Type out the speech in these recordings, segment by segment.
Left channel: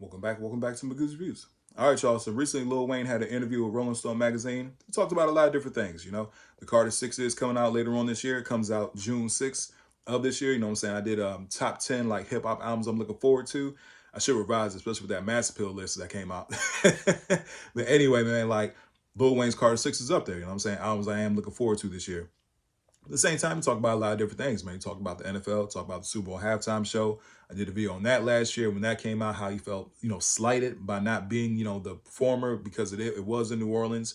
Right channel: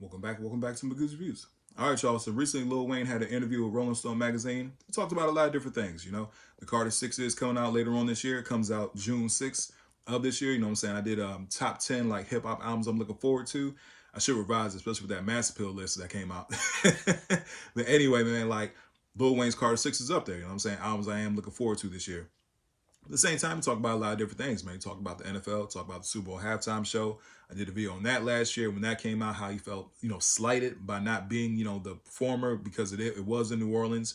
Welcome back to Magoo's Reviews. All right, y'all. So recently, Lil Wayne had an interview with Rolling Stone magazine. He talked about a lot of different things. The Carter Six is coming out later on this year. It comes out June 6th of this year. You know what I'm saying? I did top 10 like hip hop albums I'm looking forward to. I should revise, especially with that Mass Appeal list that came out. But anyway, man, like Lil Wayne's Carter Six is up there. You know what I'm saying? Albums I am looking forward to this year. At the same time, we talk about a lot of different things, man. We talk about the NFL, talk about the Super Bowl halftime show. I did a video on that last year when that came out, how he felt, slighted by not being, the performer because it was in New Orleans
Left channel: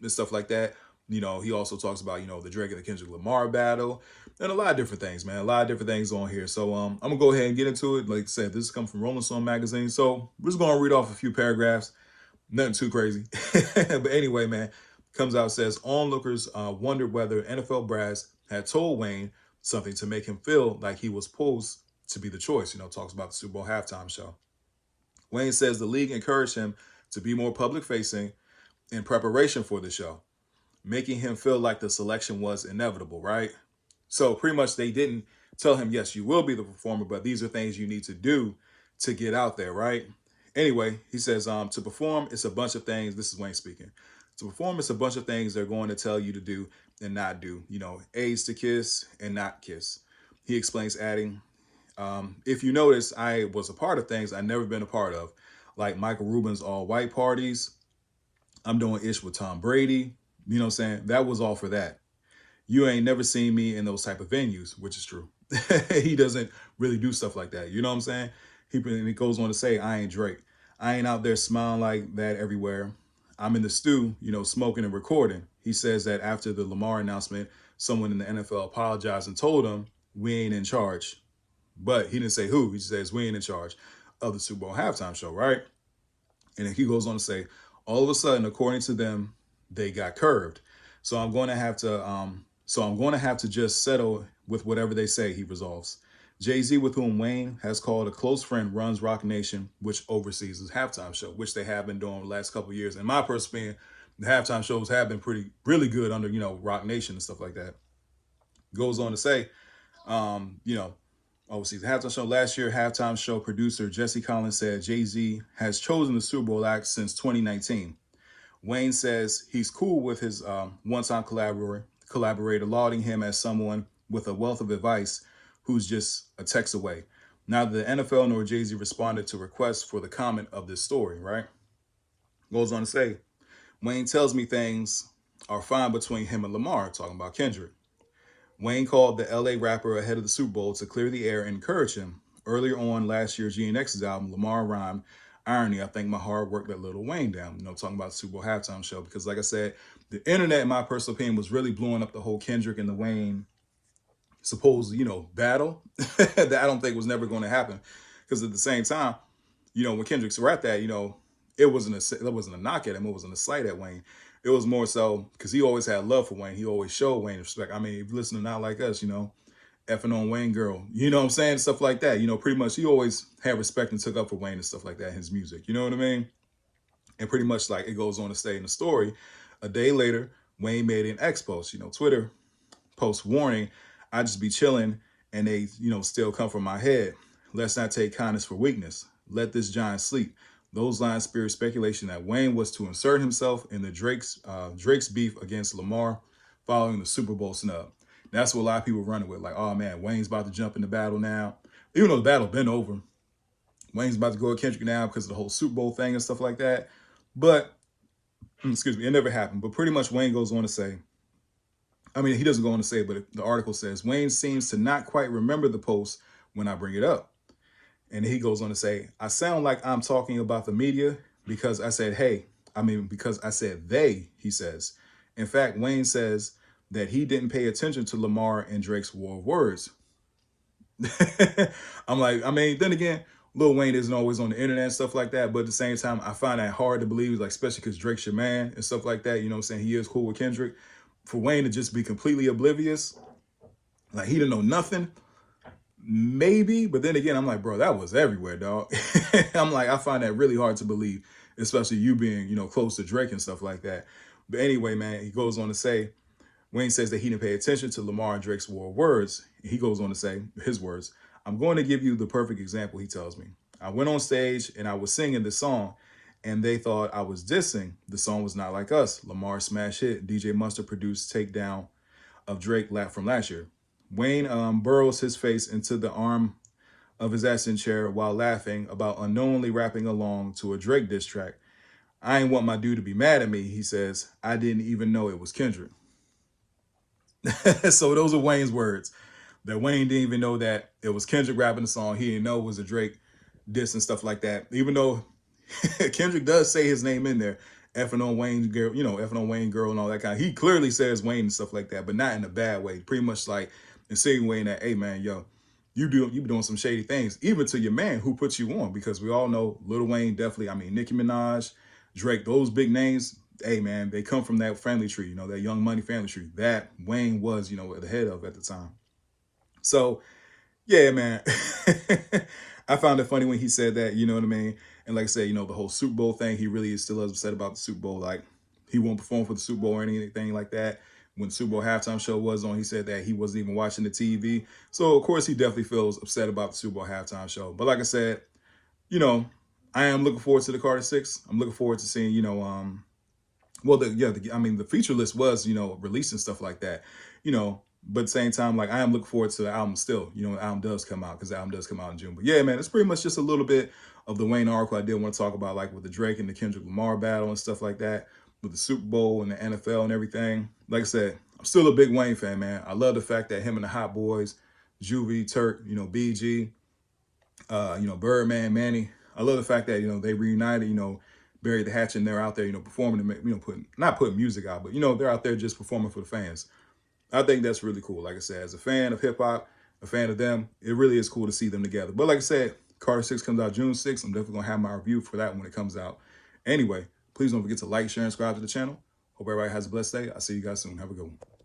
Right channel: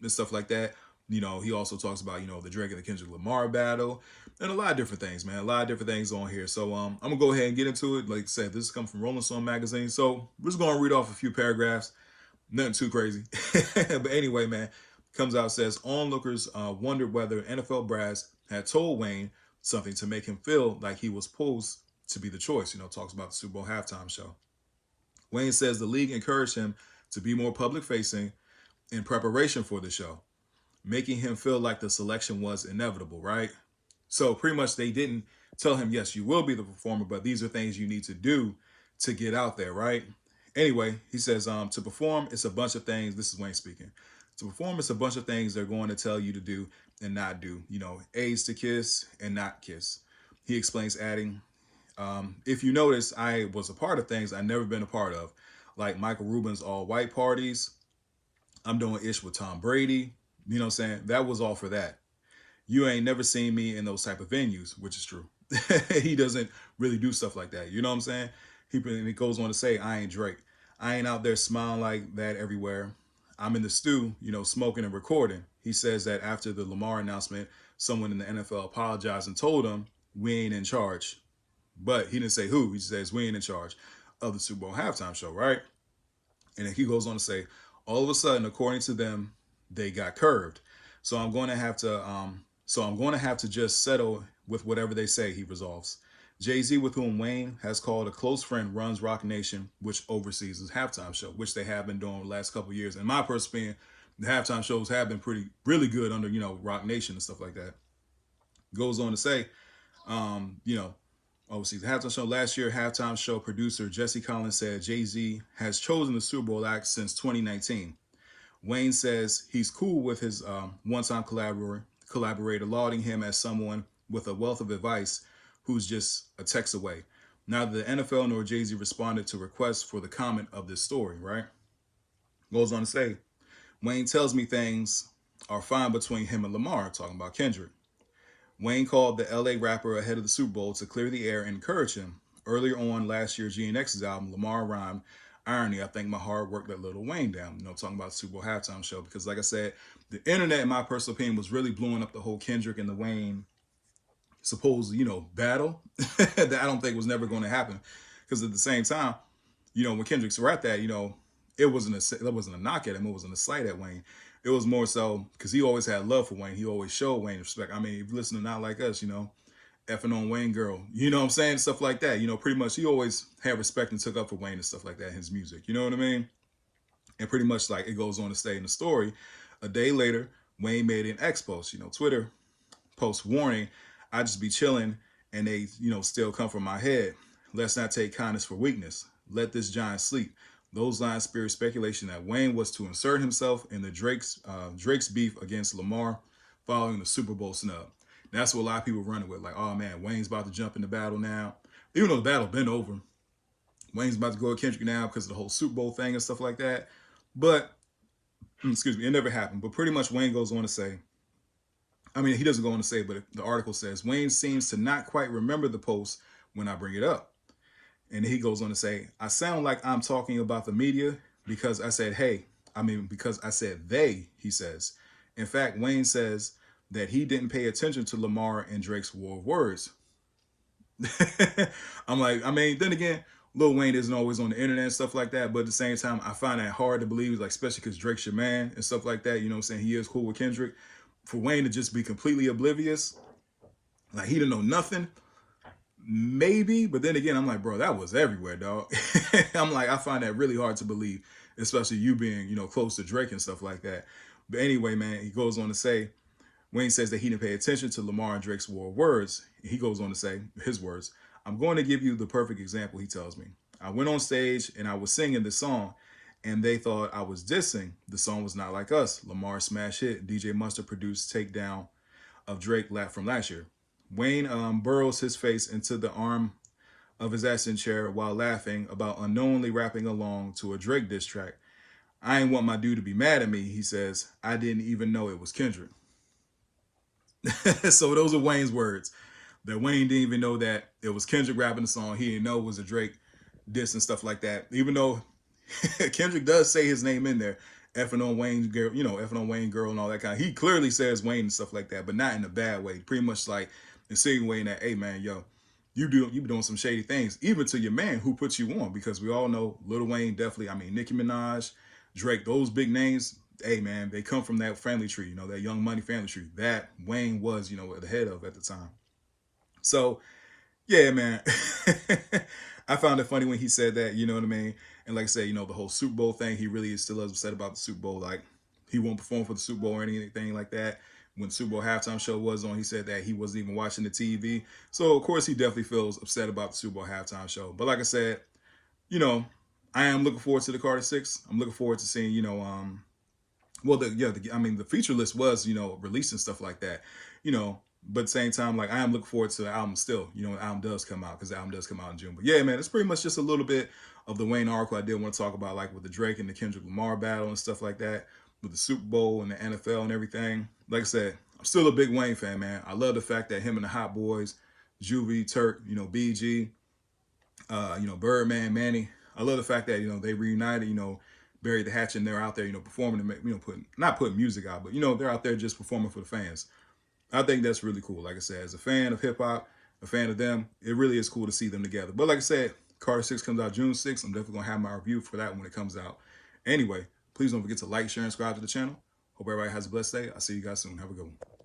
and stuff like that. He also talks about, the Drake and the Kendrick Lamar battle and a lot of different things, man. A lot of different things on here. So I'm going to go ahead and get into it. Like I said, this comes from Rolling Stone magazine. So we're just going to read off a few paragraphs. Nothing too crazy. But anyway, man, comes out, says onlookers wondered whether NFL brass had told Wayne something to make him feel like he was posed to be the choice. Talks about the Super Bowl halftime show. Wayne says the league encouraged him to be more public facing in preparation for the show, making him feel like the selection was inevitable, right? So pretty much they didn't tell him, yes, you will be the performer, but these are things you need to do to get out there, right? Anyway, he says, to perform, it's a bunch of things. This is Wayne speaking. To perform, it's a bunch of things they're going to tell you to do and not do. Aids to kiss and not kiss. He explains, adding, if you notice, I was a part of things I've never been a part of, like Michael Rubin's all-white parties. I'm doing ish with Tom Brady. You know what I'm saying? That was all for that. You ain't never seen me in those type of venues, which is true. He doesn't really do stuff like that. You know what I'm saying? He goes on to say, I ain't Drake. I ain't out there smiling like that everywhere. I'm in the stew, smoking and recording. He says that after the Lamar announcement, someone in the NFL apologized and told him, we ain't in charge. But he didn't say who. He says, we ain't in charge of the Super Bowl halftime show, right? And then he goes on to say, all of a sudden, according to them, they got curved. So I'm going to have to just settle with whatever they say, he resolves. Jay-Z, with whom Wayne has called a close friend, runs Roc Nation, which oversees his halftime show, which they have been doing the last couple of years. In my personal opinion, the halftime shows have been really good under, Roc Nation and stuff like that. Goes on to say, overseas the halftime show last year, halftime show producer Jesse Collins said Jay-Z has chosen the Super Bowl act since 2019. Wayne says he's cool with his one-time collaborator, lauding him as someone with a wealth of advice who's just a text away. Neither the NFL nor Jay-Z responded to requests for the comment of this story, right? Goes on to say, Wayne tells me things are fine between him and Lamar, talking about Kendrick. Wayne called the LA rapper ahead of the Super Bowl to clear the air and encourage him. Earlier on last year, GNX's album, Lamar rhymed, irony, I think my hard work let Lil Wayne down, talking about the Super Bowl halftime show. Because like I said, the internet, in my personal opinion, was really blowing up the whole Kendrick and the Wayne supposed, battle that I don't think was never going to happen. Because at the same time, when Kendrick's rapped that, it wasn't a knock at him. It wasn't a slight at Wayne. It was more so because he always had love for Wayne. He always showed Wayne respect. I mean, if you listen to Not Like Us, effing on Wayne girl, you know what I'm saying? Stuff like that. Pretty much he always had respect and took up for Wayne and stuff like that in his music. You know what I mean? And pretty much like it goes on to say in the story, a day later, Wayne made an X post, Twitter post warning, I just be chilling and they, still come from my head. Let's not take kindness for weakness. Let this giant sleep. Those lines spirit speculation that Wayne was to insert himself in the Drake's beef against Lamar following the Super Bowl snub. That's what a lot of people running with. Like, oh man, Wayne's about to jump in the battle now. Even though the battle been over, Wayne's about to go at Kendrick now because of the whole Super Bowl thing and stuff like that. But, excuse me, it never happened. But pretty much Wayne goes on to say, he doesn't go on to say, but the article says, Wayne seems to not quite remember the post when I bring it up. And he goes on to say, I sound like I'm talking about the media because I said, because I said they, he says. In fact, Wayne says that he didn't pay attention to Lamar and Drake's war of words. I'm like, then again, Lil Wayne isn't always on the internet and stuff like that. But at the same time, I find that hard to believe, like, especially because Drake's your man and stuff like that. You know what I'm saying? He is cool with Kendrick. For Wayne to just be completely oblivious, like he didn't know nothing, maybe. But then again, I'm like, bro, that was everywhere, dog. I'm like, I find that really hard to believe, especially you being, close to Drake and stuff like that. But anyway, man, he goes on to say, Wayne says that he didn't pay attention to Lamar and Drake's war of words. He goes on to say, his words, I'm going to give you the perfect example, he tells me. I went on stage and I was singing the song, and they thought I was dissing. The song was Not Like Us, Lamar's smash hit. DJ Mustard produced takedown of Drake from last year. Wayne burrows his face into the arm of his accent chair while laughing about unknowingly rapping along to a Drake diss track. I ain't want my dude to be mad at me, he says. I didn't even know it was Kendrick. So those are Wayne's words. That Wayne didn't even know that it was Kendrick rapping the song. He didn't know it was a Drake diss and stuff like that. Even though Kendrick does say his name in there, effing on Wayne's girl, effing on Wayne girl and all that kind. He clearly says Wayne and stuff like that, but not in a bad way. Pretty much like insinuating that, hey man, yo, you be doing some shady things, even to your man who put you on, because we all know Lil Wayne definitely. I mean, Nicki Minaj, Drake, those big names. Hey man, they come from that family tree, that Young Money family tree that Wayne was, the head of at the time. So, yeah, man, I found it funny when he said that, you know what I mean? And like I said, the whole Super Bowl thing, he really is still upset about the Super Bowl. Like, he won't perform for the Super Bowl or anything like that. When the Super Bowl halftime show was on, he said that he wasn't even watching the TV. So, of course, he definitely feels upset about the Super Bowl halftime show. But like I said, I am looking forward to the Carter 6. I'm looking forward to seeing, the feature list was, released and stuff like that, but at the same time, like I am looking forward to the album still, when the album does come out, because the album does come out in June. But yeah, man, it's pretty much just a little bit of the Wayne article I did want to talk about, like with the Drake and the Kendrick Lamar battle and stuff like that, with the Super Bowl and the NFL and everything. Like I said, I'm still a big Wayne fan, man. I love the fact that him and the Hot Boys, Juvie, Turk, BG, Birdman, Manny. I love the fact that, they reunited, buried the hatchet and they're out there, performing, not putting music out, but, they're out there just performing for the fans. I think that's really cool. Like I said, as a fan of hip hop, a fan of them, it really is cool to see them together. But like I said, Carter 6 comes out June 6th. I'm definitely going to have my review for that when it comes out. Anyway, please don't forget to like, share, and subscribe to the channel. Hope everybody has a blessed day. I'll see you guys soon. Have a good one.